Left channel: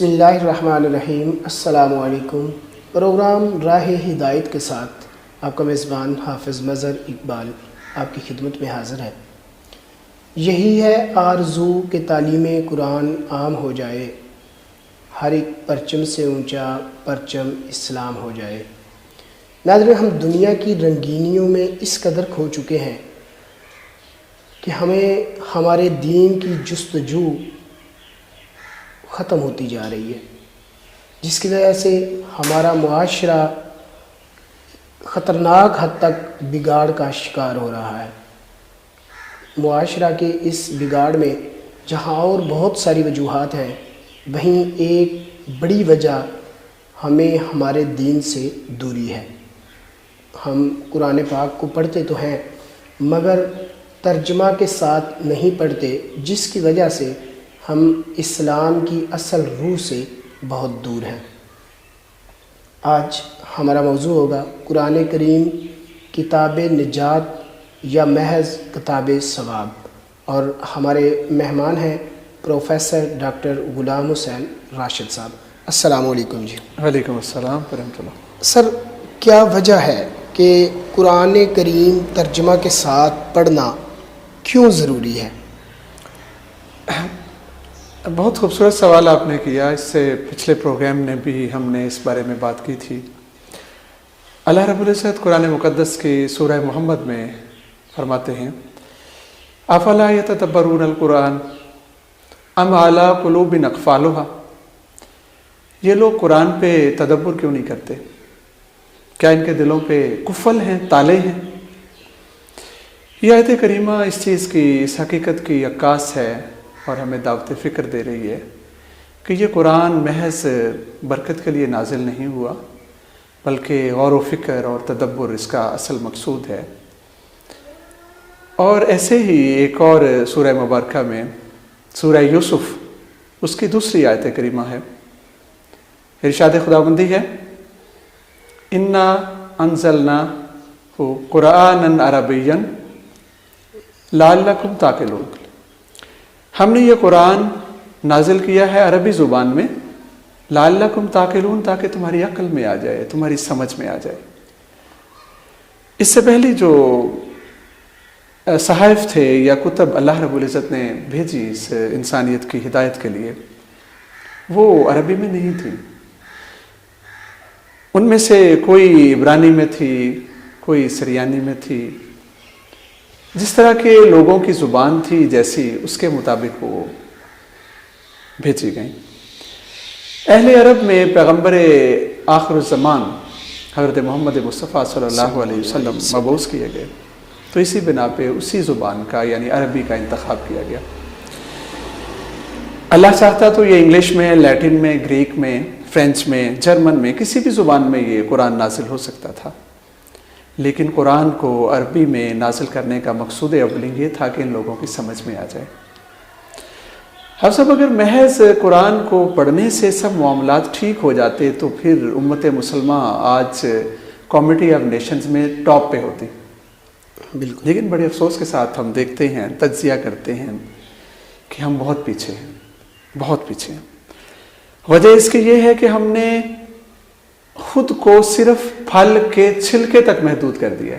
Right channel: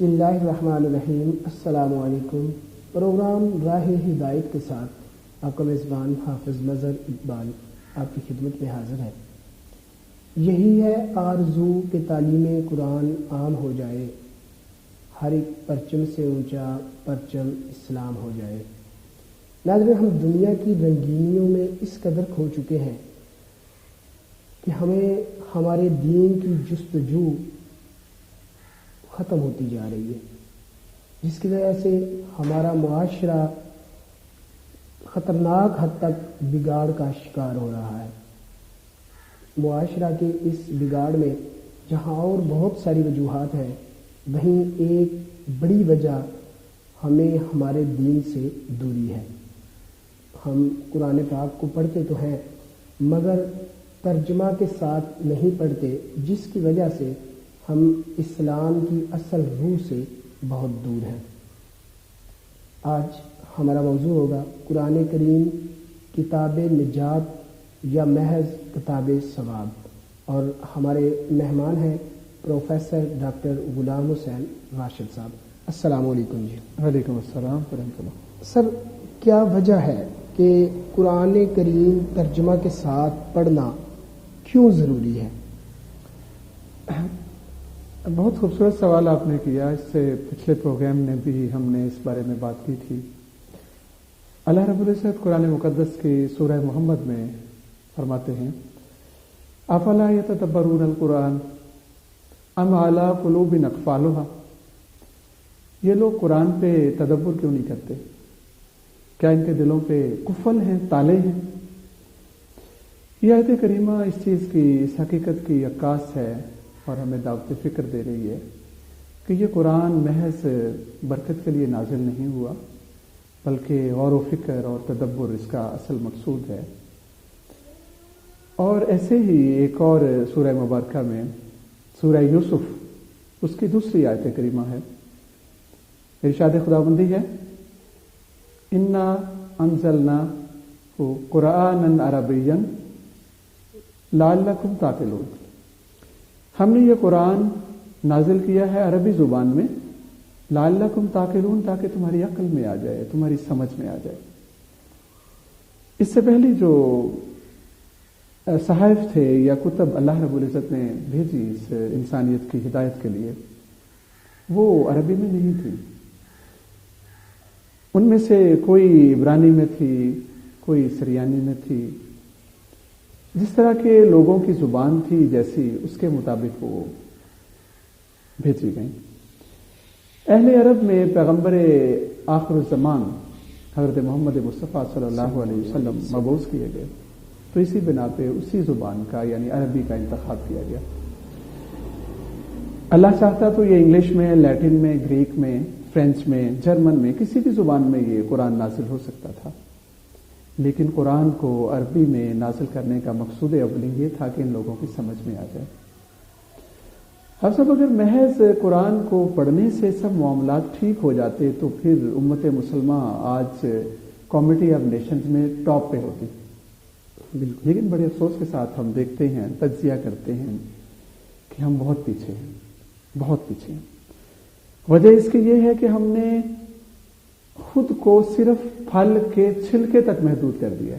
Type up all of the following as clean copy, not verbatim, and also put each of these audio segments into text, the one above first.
بسم اللہ الرحمن الرحیم۔ السلام علیکم۔ پروگرام راہ ہدایت کے ساتھ آپ کا میزبان حافظ مظہر اقبال آپ کی خدمت میں حاضر ہے۔ یہی ہے آرزو کہ تعلیم قرآن عام ہو جائے، ہر ایک پرچم سے اونچا پرچم اسلام ہو جائے۔ ناظرین، ہم دنیا کی رنگینیوں میں اس قدر کھو چکے ہیں کہ ہمیں ہمارے دین کی جستجو ختم ہوتی جا رہی ہے، جس کی وجہ سے ہمارا معاشرہ خطرناک حد تک بگاڑ کا شکار ہو رہا ہے۔ معاشرہ کے اس بگاڑ میں جہاں اور بہت ساری وجوہات ہیں، وہیں ایک بڑی وجہ ہمیں ہمارے دین سے دوری ہے۔ ہم قرآن پاک کو پڑھتے تو ہیں مگر ترجمہ کے ساتھ نہیں پڑھتے، جس کی وجہ سے ہم اسلام کی اصل روح سے بہت دور ہیں۔ آج ہمارا موضوع ہوگا قرآن کریم کتاب نجات یا محض کتاب ثواب، اور ہمارے مہمان ہیں پروفیسر ڈاکٹر غلام حسین راشد صاحب۔ السلام علیکم جی۔ وعلیکم السلام ورحمۃ اللہ۔ سر، کیا وجہ ہے کہ قرآن کریم ترجمہ کے ساتھ پڑھنا کیوں ضروری ہے؟ بہت خوبصورت سوال آپ نے کیا۔ اس سے پچھلے پروگرام میں بھی ہم نے اس بارے میں بات کی تھی۔ اللہ رب العزت قرآن مقدس کی سورہ محمد میں فرماتے ہیں، افلا یتدبرون القرآن ام علی قلوب اقفالها، یہ لوگ قرآن پہ تدبر کیوں نہیں کرتے؟ کیا ان کے دلوں پہ قفل ہیں، تالے ہیں؟ یہ آیت کریمہ اس چیز کی، اس حقیقت کی عکاس ہے اور ہمیں دعوت فکر دے رہی ہے کہ یہ قرآن محض برکت کے لیے نازل نہیں ہوا، بلکہ غور و فکر اور تدبر اس کا اصل مقصود ہے۔ اور ایسے ہی ایک اور سورہ مبارکہ میں، سورہ یوسف، اس کی دوسری آیت کریمہ ہے، ارشاد خداوندی ہے، انا انزلناہ قرآنا عربیا لعلکم تعقلون، ہم نے یہ قرآن نازل کیا ہے عربی زبان میں، لعلکم تعقلون، تاکہ تمہاری عقل میں آ جائے، تمہاری سمجھ میں آ جائے۔ اس سے پہلی جو صحائف تھے یا کتب اللہ رب العزت نے بھیجی اس انسانیت کی ہدایت کے لیے، وہ عربی میں نہیں تھی۔ ان میں سے کوئی عبرانی میں تھی، کوئی سریانی میں تھی، جس طرح کے لوگوں کی زبان تھی جیسی، اس کے مطابق وہ بھیجی گئیں۔ اہل عرب میں پیغمبر آخر الزمان حضرت محمد مصطفیٰ صلی اللہ علیہ وسلم مبعوث کیے گئے، تو اسی بنا پہ اسی زبان کا یعنی عربی کا انتخاب کیا گیا۔ اللہ چاہتا تو یہ انگلش میں، لیٹن میں، گریک میں، فرینچ میں، جرمن میں، کسی بھی زبان میں یہ قرآن نازل ہو سکتا تھا، لیکن قرآن کو عربی میں نازل کرنے کا مقصود اول یہ تھا کہ ان لوگوں کی سمجھ میں آ جائے۔ اب سب اگر محض قرآن کو پڑھنے سے سب معاملات ٹھیک ہو جاتے تو پھر امت مسلمہ آج کمیٹی آف نیشنز میں ٹاپ پہ ہوتی۔ بالکل۔ لیکن بڑے افسوس کے ساتھ ہم دیکھتے ہیں، تجزیہ کرتے ہیں کہ ہم بہت پیچھے ہیں، بہت پیچھے ہیں۔ وجہ اس کی یہ ہے کہ ہم نے خود کو صرف پھل کے چھلکے تک محدود کر دیا،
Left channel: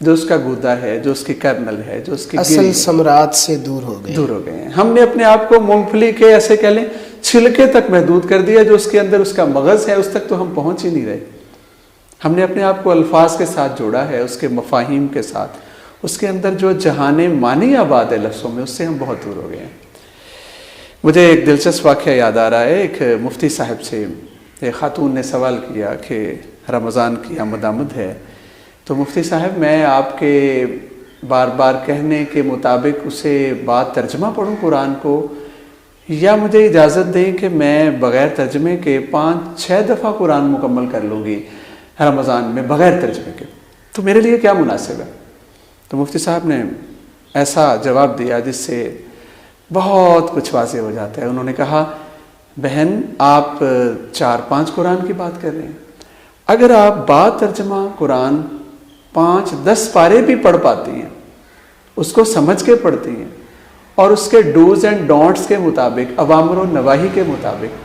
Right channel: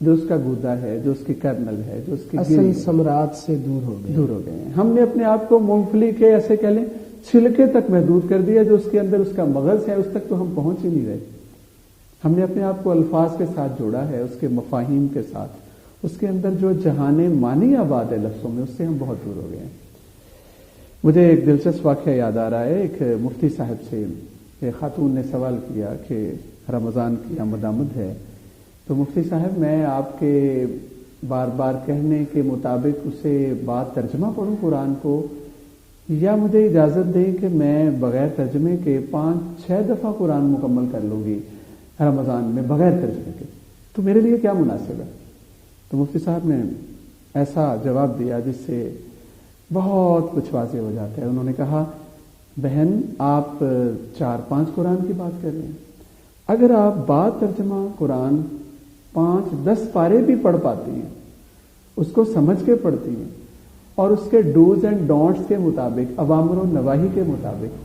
جو اس کا گودا ہے، جو اس کی کرنل ہے، جو اس کی اصل ثمرات سے دور ہو گئے ہیں۔ ہم نے اپنے آپ کو مونگ پھلی کے ایسے کہہ لیں چھلکے تک محدود کر دیا، جو اس کے اندر اس کا مغز ہے، اس تک تو ہم پہنچ ہی نہیں رہے۔ ہم نے اپنے آپ کو الفاظ کے ساتھ جوڑا ہے، اس کے مفاہیم کے ساتھ، اس کے اندر جو جہان معنی آباد ہے لفظوں میں، اس سے ہم بہت دور ہو گئے ہیں۔ مجھے ایک دلچسپ واقعہ یاد آ رہا ہے۔ ایک مفتی صاحب سے ایک خاتون نے سوال کیا کہ رمضان کی آمد ہے، تو مفتی صاحب میں آپ کے بار بار کہنے کے مطابق اسے بات ترجمہ پڑھوں قرآن کو، یا مجھے اجازت دیں کہ میں بغیر ترجمے کے 5-6 دفعہ قرآن مکمل کر لوں گی رمضان میں بغیر ترجمے کے، تو میرے لیے کیا مناسب ہے؟ تو مفتی صاحب نے ایسا جواب دیا جس سے بہت کچھ واضح ہو جاتا ہے۔ انہوں نے کہا، بہن آپ 4-5 قرآن کی بات کر رہے ہیں، اگر آپ با ترجمہ قرآن 5-10 پارے بھی پڑھ پاتی ہیں، اس کو سمجھ کے پڑھتی ہیں، اور اس کے ڈوز اینڈ ڈونٹس کے مطابق، اوامر و نواہی کے مطابق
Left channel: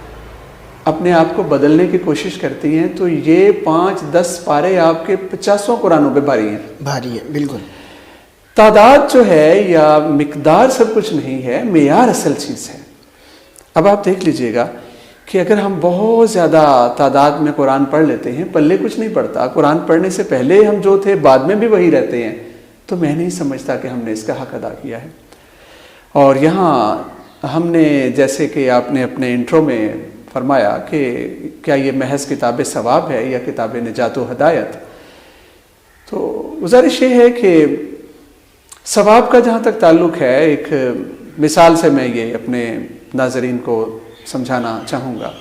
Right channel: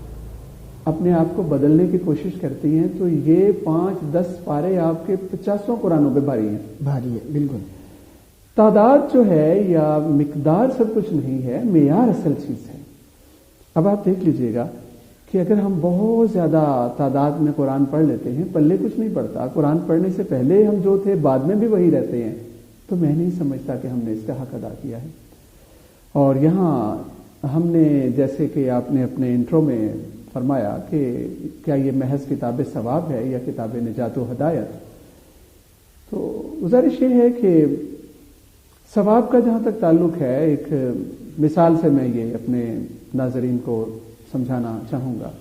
اپنے آپ کو بدلنے کی کوشش کرتی ہیں تو یہ 5-10 پارے آپ کے 50 قرآنوں پہ بھاری ہیں. بھاری ہیں بالکل. تعداد جو ہے یا مقدار سب کچھ نہیں ہے، معیار اصل چیز ہے. اب آپ دیکھ لیجئے گا کہ اگر ہم بہت زیادہ تعداد میں قرآن پڑھ لیتے ہیں، پلے کچھ نہیں پڑتا. قرآن پڑھنے سے پہلے ہم جو تھے بعد میں بھی وہی رہتے ہیں، تو میں نہیں سمجھتا کہ ہم نے اس کا حق ادا کیا ہے. اور یہاں ہم نے جیسے کہ آپ نے اپنے انٹرو میں فرمایا کہ کیا یہ محض کتاب ثواب ہے یا کتاب نجات و ہدایت، تو گزارش یہ ہے کہ ثواب کا جہاں تک تعلق ہے، ایک مثال سے میں یہ اپنے ناظرین کو سمجھانا چاہوں گا.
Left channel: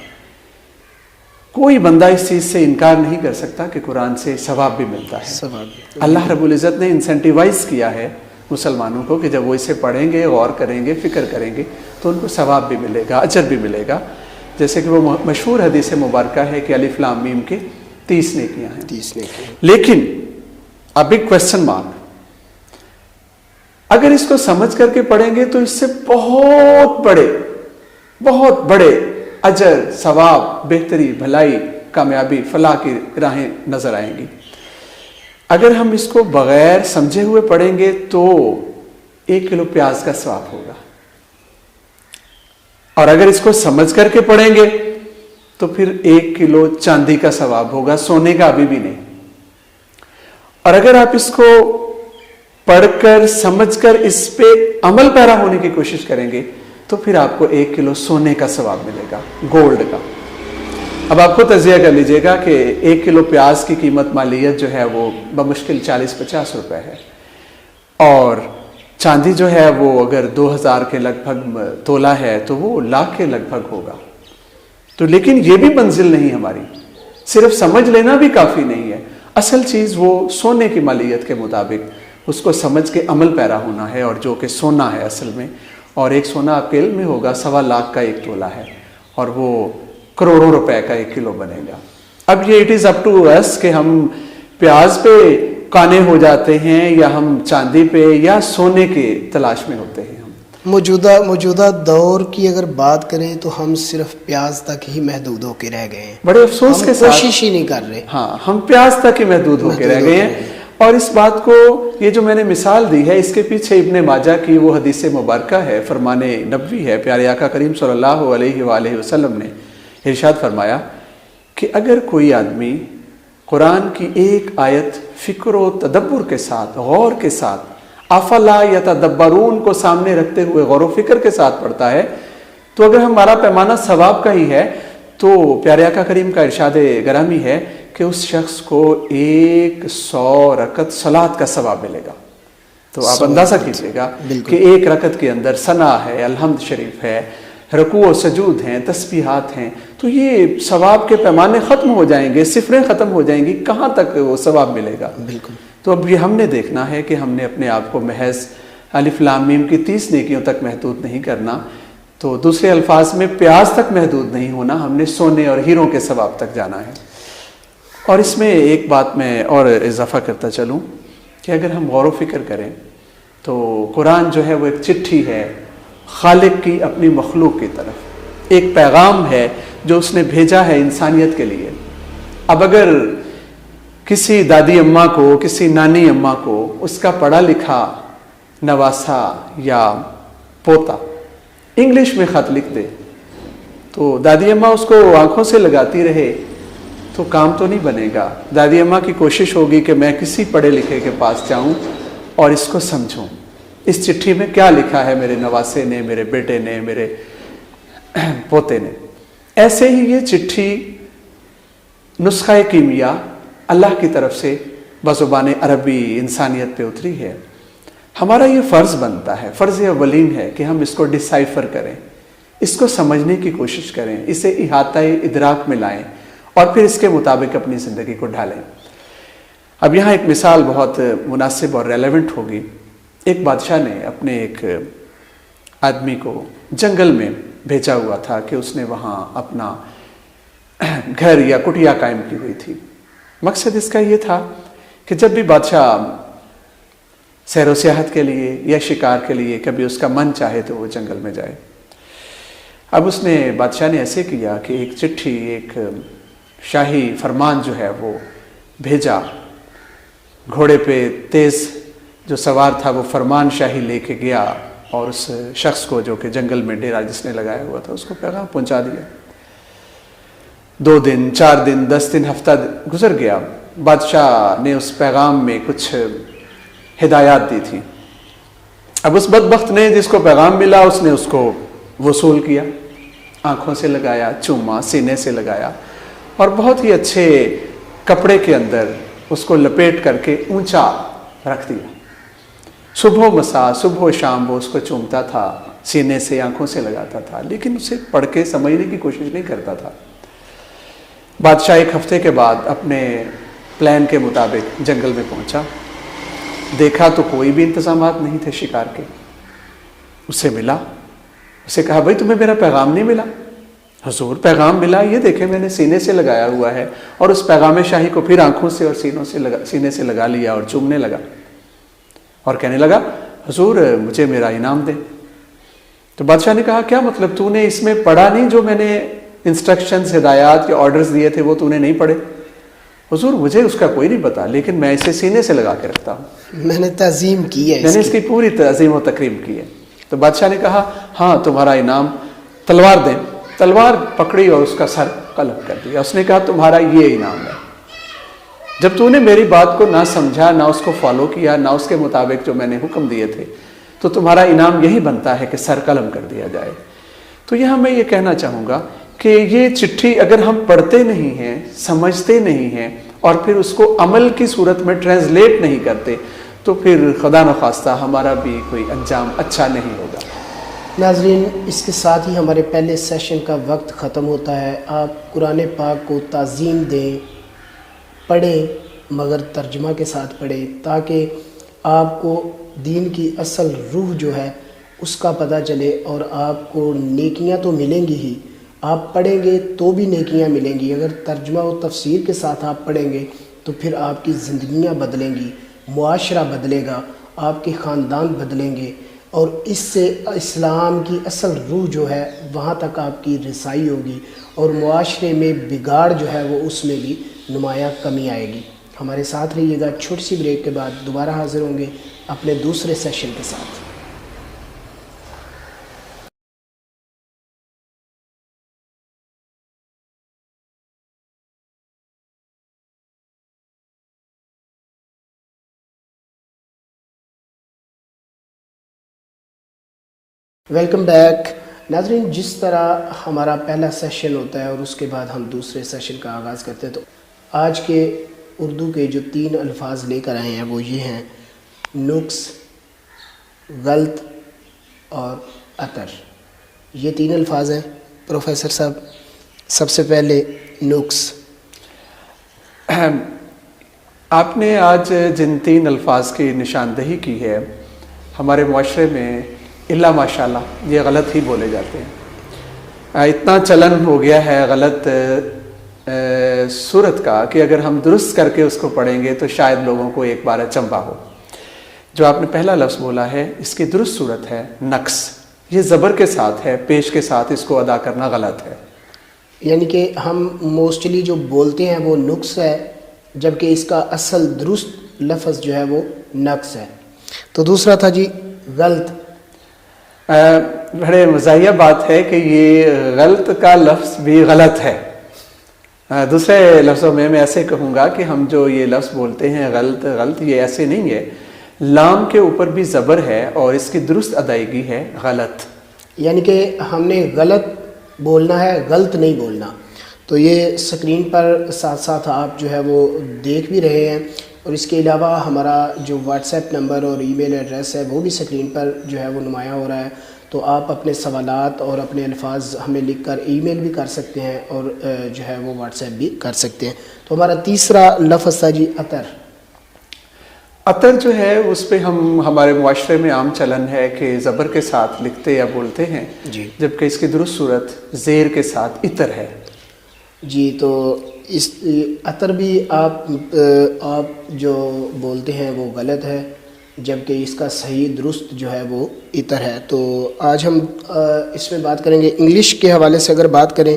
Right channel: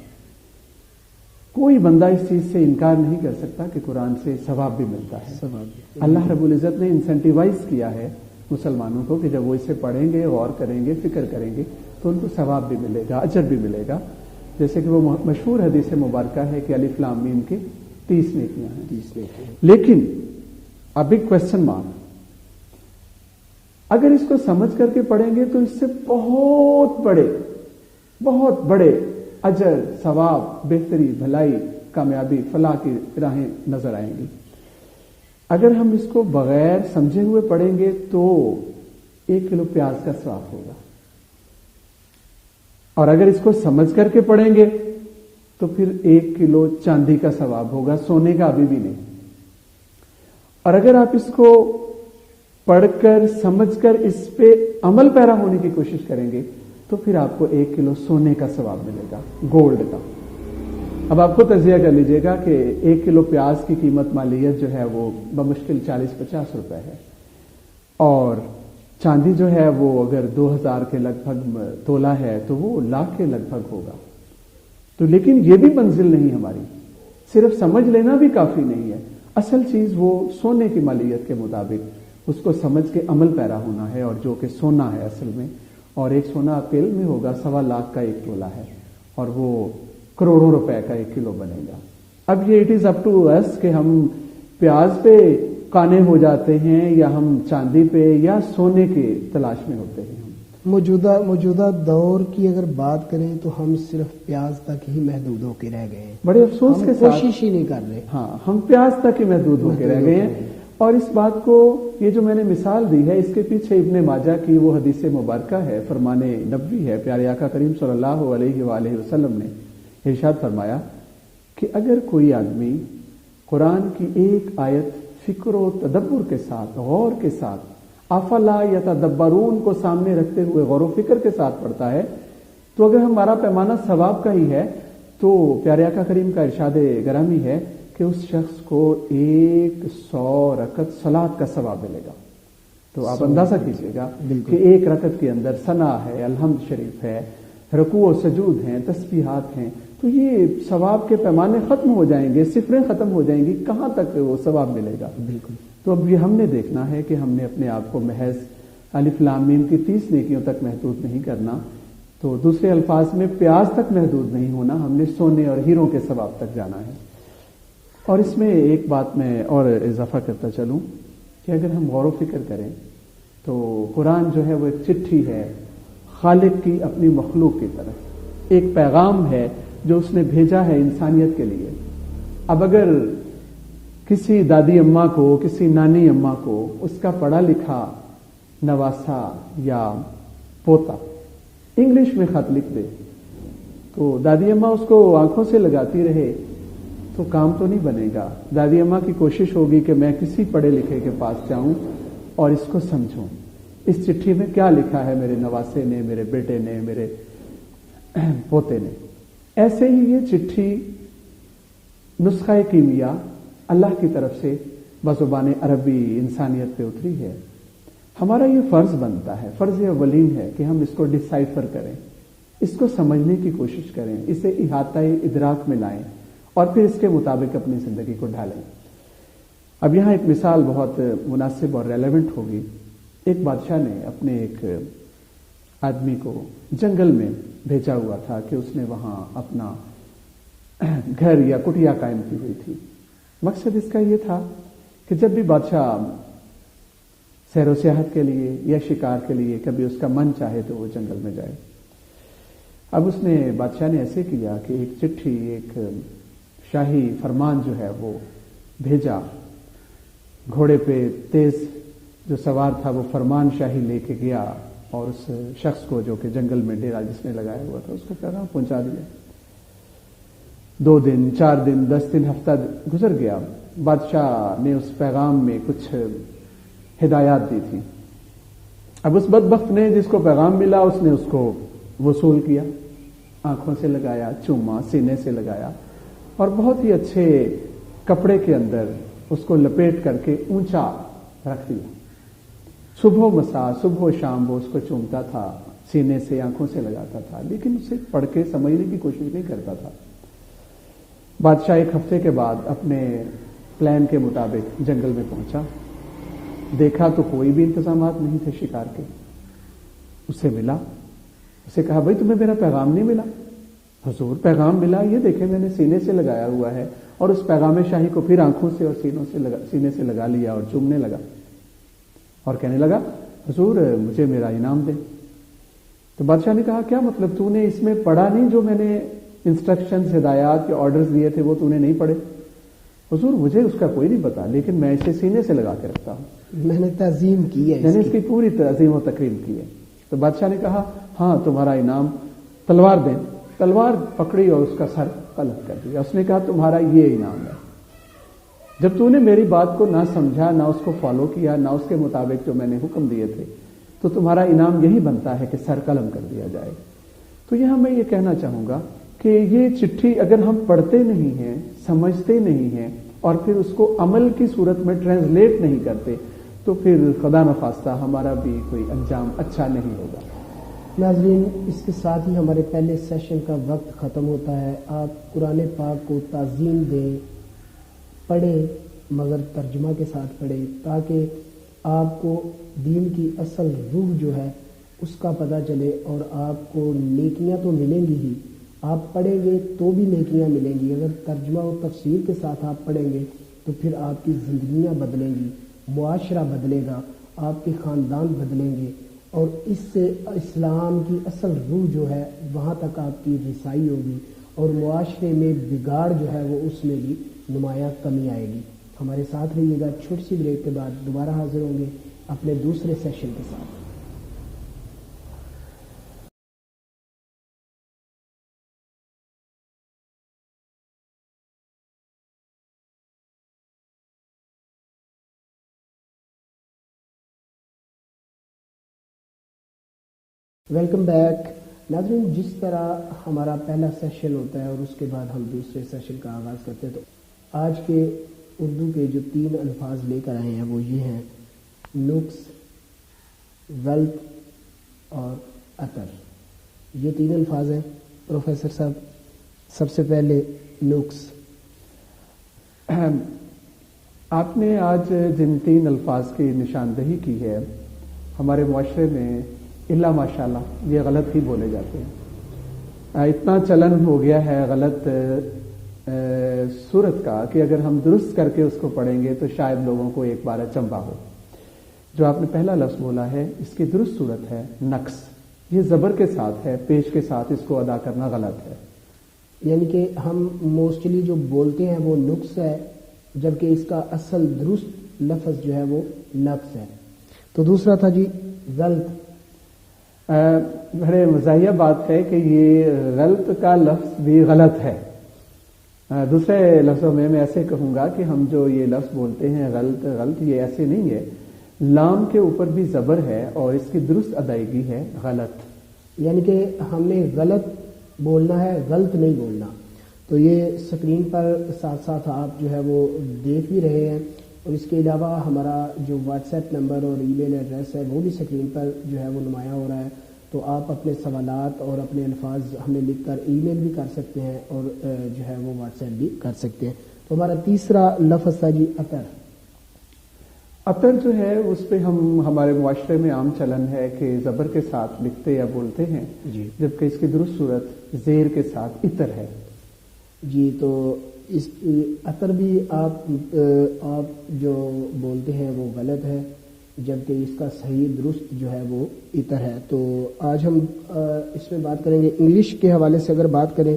کوئی بندہ اس چیز سے انکار نہیں کر سکتا کہ قرآن سے ثواب بھی ملتا ہے. اللہ رب العزت نے انسینٹیوائز کیا ہے مسلمانوں کو کہ جب وہ اسے پڑھیں گے، غور کریں گے، فکر کریں گے تو ان کو ثواب بھی ملے گا، اجر بھی ملے گا. جیسے کہ وہ مشہور حدیث مبارکہ ہے کہ الف لام میم کے 30 نیکیاں ہیں. 30 نیکیاں. لیکن اب ایک کویسچن مارک، اگر اس کو سمجھ کر کے پڑھیں گے تو اس سے بہت بڑے اجر، ثواب، بہتری، بھلائی، کامیابی، فلاح کی راہیں نظر آئیں گی. اگر ہم اس کو بغیر سمجھے ہوئے پڑھیں گے تو 1 کلو پیاز کا ثواب ہوگا، اور اگر اس کو سمجھ کر کے پڑھیں گے تو پھر 1 کلو چاندی کا ثواب ہوگا، سونے کا ابھی بھی نہیں. اور اگر آپ اس کو پڑھ کر سمجھ کر اس پہ عمل پیرا ہونے کی کوشش کریں گے تو پھر آپ کو 1 کلو سونے کا ثواب ملے گا، گولڈ کا. اب آپ کو تجزیہ کر لیجئے گا کہ 1 کلو پیاز کی قیمت مالیت جو ہے وہ بمشکل 40-50 روپے ہے، اور چاندی جو ہے وہ اگر 2000 کے لگ بھگ تولہ ہے تو وہ لاکھ کے لگ بھگ ہوگا. تو لیکن یہ بھی منزل نہیں ہماری، صرف سمجھ لینا بھی کافی نہیں ہے. اصل چیز وہ سونے کی مالیت کے مطابق اس کو سمجھ کے عمل پیرا ہونا ہے، اور جو کہ سونا ہے اصل میں. اور ایک سونا آپ کے علم میں ہوگا 1.25 لاکھ کا 1 تولہ ہے، اور وہ کروڑوں روپے کا 1 کلو بنے گا. اب یہ اٹ از اپ ٹو اس کہ ہم پیاز پہ کانے ہو جاتے ہیں یا ہم چاندی پہ یا سونے کے تلاش میں ہوتے ہیں. موجودہ دور کی اگر بات کریں تو ہم صرف پیاز تک ہی محدود ہو کے رہ گئے ہیں. بڑے افسوس کے ساتھ کوشش ہی نہیں کر رہے. ہاں، ہم پیاز تک ہی محدود ہو کے رہ گئے ہیں. اور اس بات کو، یہ جو میں نے مثال دی ہے، اس کے پیچھے ابن ماجہ کی وہ حدیث مبارکہ ہے، فرمان نبوی ہے. پیارے آقا کریم صلی اللہ علیہ وآلہ وسلم نے ارشاد فرمایا کہ اگر کوئی آدمی قرآن کی ایک آیت فکر و تدبر کے ساتھ، غور کے ساتھ، افلا یتدبرون کو سامنے رکھتے ہوئے غور و فکر کے ساتھ پڑھتا ہے، تو اگر ہمارا پیمانہ ثواب کا ہی ہے تو پیارے آقا کریم کا ارشاد گرامی ہے کہ اس شخص کو 100 رکعت صلاۃ کا ثواب ملے گا. تو آپ اندازہ کیجئے گا کہ 1 رکعت کے اندر ثنا ہے، الحمد شریف ہے، رکوع و سجود ہیں، تسبیحات ہیں. تو یہ ثواب کے پیمانے ختم ہو جائیں گے، صفریں ختم ہو جائیں گی، کہاں تک وہ ثواب ملے گا؟ بالکل. تو اب یہ ہم نے دیکھنا ہے کہ ہم نے اپنے آپ کو محض الف لام میم کی 30 نیکیوں تک محدود نہیں کرنا. تو دوسرے الفاظ میں پیاز تک محدود نہیں ہونا، ہم نے سونے اور ہیروں کے ثواب تک جانا ہے. اور اس میں ایک بات میں اور اضافہ کرتا چلوں کہ اگر ہم غور و فکر کریں تو قرآن جو ہے وہ ایک چٹھی ہے خالق کی اپنی مخلوق کی طرف، ایک پیغام ہے جو اس نے بھیجا ہے انسانیت کے لیے. اب اگر کسی دادی اماں کو، کسی نانی اماں کو اس کا پڑھا لکھا نواسا یا پوتا انگلش میں خط لکھ دے تو دادی اماں اس کو آنکھوں سے لگاتی رہے تو کام تو نہیں بنے گا. دادی اماں کی کوشش ہوگی کہ میں کسی پڑھے لکھے کے پاس جاؤں اور اس کو سمجھوں، اس چٹھی میں کیا لکھا ہے میرے نواسے نے، میرے بیٹے نے، میرے پوتے نے. ایسے ہی یہ چٹھی نسخہ کیمیا اللہ کی طرف سے بزبان عربی انسانیت پہ اتری ہے. ہمارا یہ فرض بنتا ہے، فرض اولین ہے کہ ہم اس کو ڈسائفر کریں، اس کو سمجھنے کی کوشش کریں، اسے احاطہ ادراک میں لائیں اور پھر اس کے مطابق اپنی زندگی کو ڈھالیں. اب یہاں ایک مثال بہت مناسب اور ریلیونٹ ہوگی. ایک بادشاہ نے اپنے ایک آدمی کو جنگل میں بھیجا ہوا تھا کہ اس نے وہاں اپنا گھر یا کٹیا قائم کی ہوئی تھی. مقصد اس کا یہ تھا کہ جب بھی بادشاہ سیر و سیاحت کے لیے یا شکار کے لیے کبھی اس کا من چاہے تو وہ جنگل میں جائے. اب اس نے بادشاہ نے ایسے کیا کہ ایک چٹھی، ایک شاہی فرمان جو ہے وہ بھیجا، گھوڑے پہ تیز جو سوار تھا وہ فرمان شاہی لے کے گیا اور اس شخص کو جو کہ جنگل میں ڈیرا جس نے لگایا ہوا تھا اس کو پیغام پہنچا دیا۔ 2 دن، 4 دن، 10 دن، ہفتہ گزر گیا۔ بادشاہ نے اس پیغام میں کچھ ہدایات دی تھی۔ اب اس بدبخت نے جس کو پیغام ملا اس نے اس کو وصول کیا، آنکھوں سے لگایا، چوما، سینے سے لگایا اور بہت ہی اچھے کپڑے کے اندر اس کو لپیٹ کر کے اونچا رکھ دیا۔ صبح و مساء، صبح و شام وہ اس کو چومتا تھا، سینے سے، آنکھوں سے لگاتا تھا، لیکن اسے پڑھ کے سمجھنے کی کوشش نہیں کرتا تھا۔ بادشاہ 1 ہفتے کے بعد اپنے پلان کے مطابق جنگل میں پہنچا، دیکھا تو کوئی بھی انتظامات نہیں تھے شکار کے۔ اسے ملا، اسے کہا بھائی تمہیں میرا پیغام نہیں ملا؟ حضور پیغام ملا، یہ دیکھیں میں نے سینے سے لگایا ہوا ہے، اور اس پیغام شاہی کو پھر آنکھوں سے اور سینے سے لگا لیا اور چومنے لگا اور کہنے لگا حضور مجھے میرا انعام دیں۔ تو بادشاہ نے کہا کیا مطلب، تو نے اس میں پڑھا نہیں جو میں نے انسٹرکشنز، ہدایات کے آرڈرز دیے تھے وہ تو نے نہیں پڑھے؟ حضور مجھے اس کا کوئی نہیں پتا، لیکن میں اسے سینے سے لگا کے رکھتا ہوں، میں نے تعظیم کی ہے، میں نے اس کی پوری تعظیم و تکریم کی ہے۔ تو بادشاہ نے کہا ہاں تمہارا انعام تلوار دیں۔ تلوار پکڑی اور اس کا سر قلم کر دیا۔ اس نے کہا تمہارا یہ انعام ہے، جب تو نے میری بات کو نہ سمجھا، نہ اس کو فالو کیا، نہ اس کے مطابق جو میں نے حکم دیے تھے، تو تمہارا انعام یہی بنتا ہے کہ سر قلم کر دیا جائے۔ تو یہاں میں یہ کہنا چاہوں گا کہ یہ چٹھی اگر ہم پڑھتے نہیں ہیں، سمجھتے نہیں ہیں اور پھر اس کو عمل کی صورت میں ٹرانسلیٹ نہیں کرتے تو پھر خدا نخواستہ ہمارا بھی کوئی انجام اچھا نہیں ہوگا۔ ناظرین اس کے ساتھ ہی ہمارے پہلے سیشن کا وقت ختم ہوتا ہے۔ آپ قرآن پاک کو تعظیم دیں، پڑھیں مگر ترجمہ کے ساتھ پڑھیں تاکہ آپ کو دین کی اصل روح جو ہے اس کا پتہ چلے، اور آپ کو نیکیاں تو ملیں گی ہی، آپ پڑھیں گے تو بھی نیکیاں ملیں گی۔ اگر ترجمہ و تفسیر کے ساتھ آپ پڑھیں گے تو پھر آپ کی زندگیاں بدلیں گی، معاشرہ بدلے گا، آپ کے خاندان بدلیں گے، اور اس سے اسلام کی اصل روح جو ہے وہاں تک آپ کی رسائی ہوگی، اور معاشرے میں بگاڑ جو ہے وہ اس میں بھی نمایاں کمی آئے گی۔ ہمارے ساتھ رہیے گا، چھوٹی سی بریک کے بعد دوبارہ حاضر ہوں گے اپنے دوسرے سیشن کے ساتھ۔ ویلکم بیک ناظرین، جس طرح ہمارا پہلا سیشن ہوتا ہے اور اس کے بعد ہم دوسرے سیشن کا آغاز کرتے ہیں، تو آج کے اردو کے جو 3 الفاظ لے کر آئے ہیں وہ یہ ہیں نقص، غلط اور اثر۔ یہ 3 الفاظ ہیں۔ پروفیسر صاحب سب سے پہلے نقص۔ آپ نے آج جن 3 الفاظ کی نشاندہی کی ہے، ہمارے معاشرے میں الا ماشاءاللہ یہ غلط ہی بولے جاتے ہیں۔ اتنا چلن ہو گیا ہے غلط صورت کا کہ اگر ہم درست کر کے اس کو پڑھیں گے تو شاید لوگوں کو ایک بار اچنبھا ہو۔ جو آپ نے پہلا لفظ بولا ہے اس کی درست صورت ہے نقص، یہ زبر کے ساتھ ہے، پیش کے ساتھ اس کو ادا کرنا غلط ہے۔ یعنی کہ ہم موسٹلی جو بولتے ہیں وہ نقص ہے، جبکہ اس کا اصل درست لفظ جو ہے وہ نقص ہے۔ تو دوسرا تھا جی غلط۔ بڑے مزاحیہ بات ہے کہ یہ غلط کا لفظ بھی غلط ہے۔ دوسرے لفظوں میں ایسے کہوں گا کہ ہم جو یہ لفظ بولتے ہیں غلط، یہ ایسے نہیں ہے۔ لام کے اوپر بھی زبر ہے اور اس کی درست ادائیگی ہے غلط۔ یعنی کہ ہم نے غلط بولنا ہے، غلط نہیں بولنا۔ تو یہ سکرین پر ساتھ ساتھ آپ جو ہے وہ دیکھ بھی رہے ہیں، اور اس کے علاوہ ہمارا جو واٹس ایپ نمبر اور ای میل ایڈریس ہے وہ بھی سکرین پر جو ہے وہ نمایاں ہو رہا ہے۔ تو آپ اپنے سوالات اور اپنے الفاظ ہمیں لکھ کر ای میل بھی کر سکتے ہیں اور جو ہے وہ واٹس ایپ بھی کر سکتے ہیں۔ تو ہمارا تیسرا لفظ تھا جی عطر۔ عطر جو ہے اس پہ ہمارے معاشرے میں عام چلن ہے کہ زبر کے ساتھ لکھتے یا بولتے ہیں جی، جبکہ اس کی درست صورت زیر کے ساتھ عطر ہے۔ جی، تو اس عطر بھی آپ جو بولتے ہیں وہ غلط ہے، جبکہ اس کا صحیح درست جو ہے وہ عطر ہے۔ تو آج ہم اس میں بات کریں گے انگلش کے حوالے سے۔ اگر بات کریں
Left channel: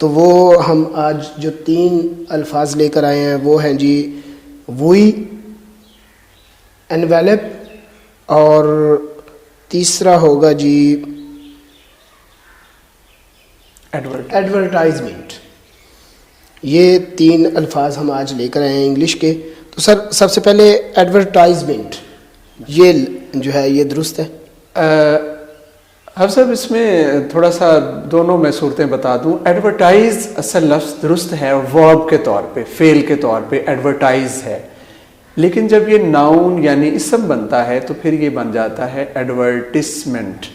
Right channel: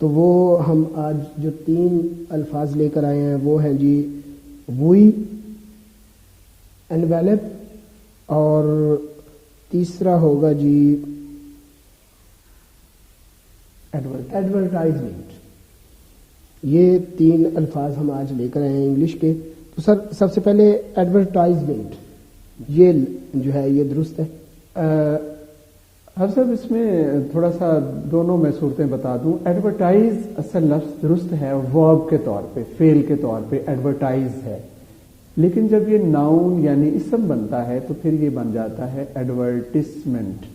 تو وہ ہم آج جو 3 الفاظ لے کر آئے ہیں وہ ہیں جی ووئی، انویلپ، اور تیسرا ہوگا جی ایڈورٹائزمنٹ۔ یہ 3 الفاظ ہم آج لے کر آئے ہیں انگلش کے۔ تو سر سب سے پہلے ایڈورٹائزمنٹ، یہ جو ہے یہ درست ہے؟ حفظ صاحب اس میں تھوڑا سا دونوں میں صورتیں بتا دوں۔ ایڈورٹائز اصل لفظ درست ہے، ورب کے طور پہ، فعل کے طور پہ ایڈورٹائز ہے، لیکن جب یہ ناؤن یعنی اسم بنتا ہے تو پھر یہ بن جاتا ہے ایڈورٹسمنٹ۔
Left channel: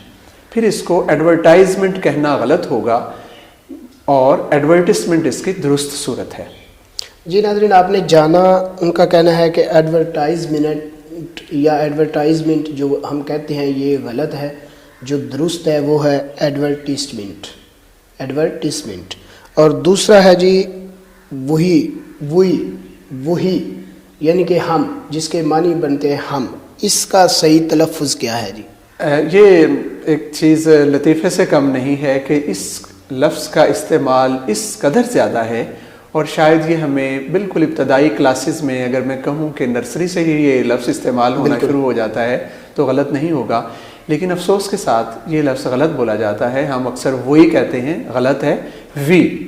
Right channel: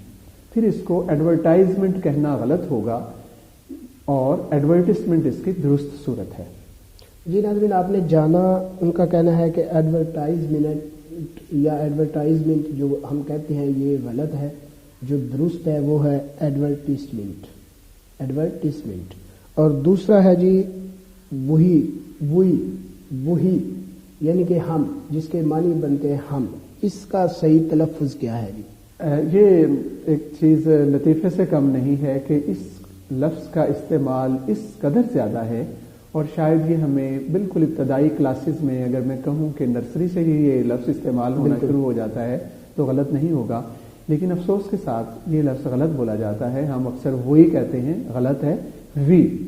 پھر اس کو ایڈورٹائزمنٹ کہنا غلط ہوگا اور ایڈورٹسمنٹ اس کی درست صورت ہے۔ جی ناظرین، آپ نے جانا ان کا کہنا ہے کہ ایڈورٹائزمنٹ یا ایڈورٹائزمنٹ جو ہم کہتے ہیں یہ غلط ہے، جو درست ہے وہ ہے ایڈورٹسمنٹ۔ اور دوسرا ہے جی وہی یعنی کہ ہم، جس کے معنی بنتے ہیں ہم، اس کا صحیح تلفظ کیا ہے جی؟ یہ ایک چیز لطیفے سے کم نہیں ہے کہ اس لفظ کا استعمال اس قدر زیادہ ہے، اور شاید یہ ہمیں بالکل ابتدائی کلاسز میں، اگر میں کہوں کہ نرسری سے ہی یہ لفظ استعمال ہونا شروع ہو جاتا ہے تو غلط نہیں ہوگا، لیکن افسوس کے ساتھ یہ لفظ غلط بولا جاتا ہے۔ ہم اکثر وہی کہتے ہیں، غلط ہے، وی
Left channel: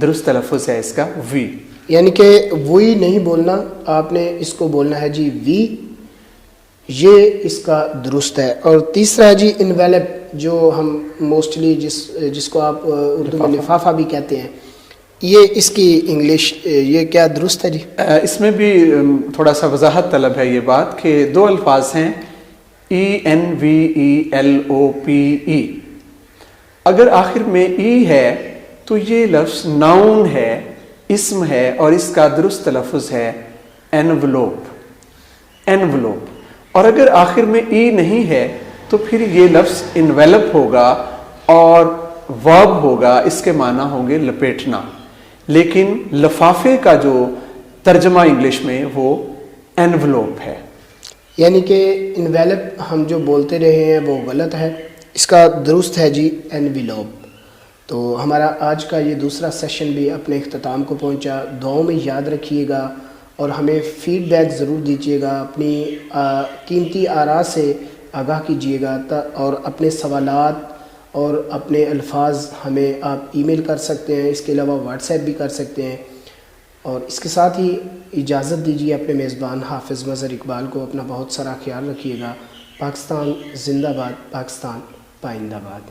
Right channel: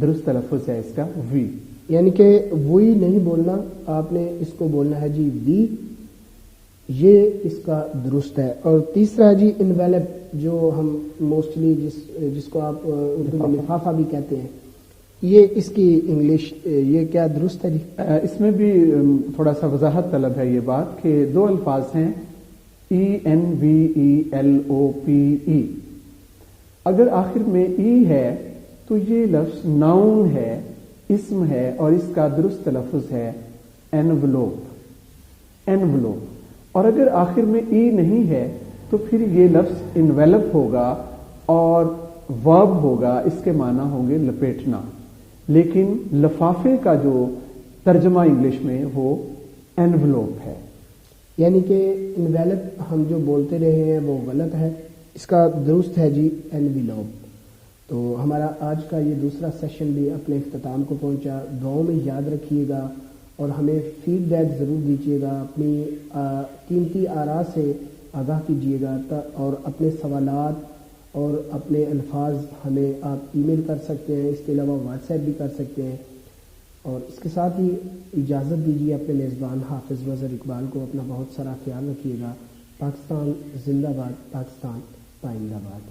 درست تلفظ ہے اس کا، وی۔ یعنی کہ وہی نہیں بولنا، آپ نے اس کو بولنا ہے جی وی، یہ اس کا درست ہے۔ اور تیسرا ہے جی انویلپ، جو ہم موسٹلی جس کو آپ اردو میں لفافہ بھی کہتے ہیں، یہ اس کی انگلش یہ کیا درست ہے جی؟ اس میں بھی تھوڑا سا وضاحت طلب ہے یہ بات کہ 2 الفاظ ہیں ENVELOPE۔ اگر آخر میں ای ہے تو یہ لفظ ناؤن ہے، اسم ہے، اور اس کا درست تلفظ ہے انویلوپ۔ اور اگر آخر میں ای نہیں ہے تو پھر یہ لفظ انویلپ ہوگا اور ورب ہوگا، اس کے معنی ہوں گے لپیٹنا، لیکن لفافے کا جو ترجمہ انگلش میں وہ انویلوپ ہے۔ یعنی کہ انویلپ ہم جو بولتے رہے ہیں وہ غلط ہے، اس کا درست ہے جی انویلوپ۔ تو ہمارا آج کا یہ دوسرا سیشن بھی اپنے اختتام کو پہنچا۔ دعاؤں میں یاد رکھیے گا اور ہمیں فیڈ بیک ضرور دیجیے گا، اپنی قیمتی آراء سے آگاہ کیجیے گا، اور اپنے سوالات اور اپنے الفاظ ہمیں آپ ای میل کر سکتے ہیں، اس کے علاوہ واٹس ایپ بھی کر سکتے ہیں۔ اور اس کے ساتھ ہی اجازت دیجیے اپنے میزبان حافظ مظہر اقبال کو۔ اپنا بہت سارا خیال رکھیے گا۔ پاکستان زندہ باد، پاکستان پائندہ باد۔